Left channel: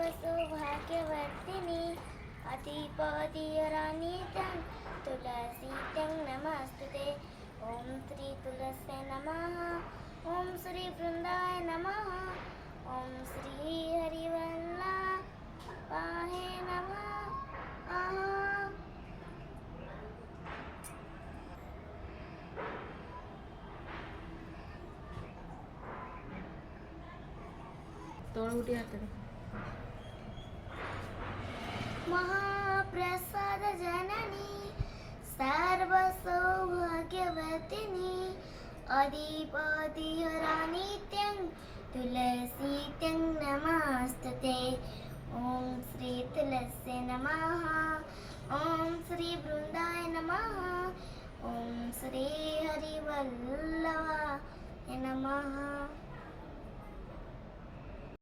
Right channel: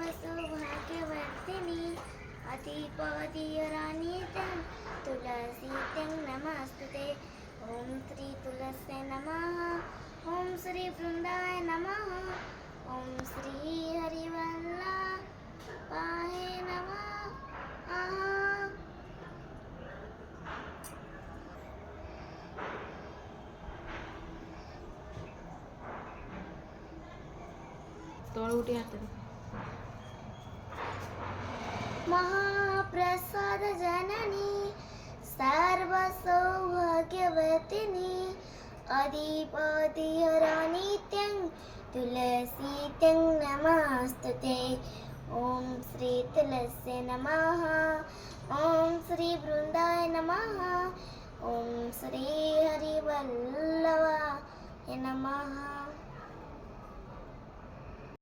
सर्वसौभाग्यवर्धिनि अधिपतिरानित्यं तुलसीत्यं नमस्तुते। ॐ श्री तुलसे नमः। ॐ श्री वृंदाय नमः। ॐ श्री हरिवल्लभाय नमः। तोळ उठी हात महाप्रसाद जननी सर्वसौभाग्यवतिनी अधिपतिहरानित्यं तुलसीत्यं नमस्तुते। ॐ श्री तुलसे नमः। ॐ श्री वृंदाय नमः। ॐ श्री हरिवल्लभाय नमः।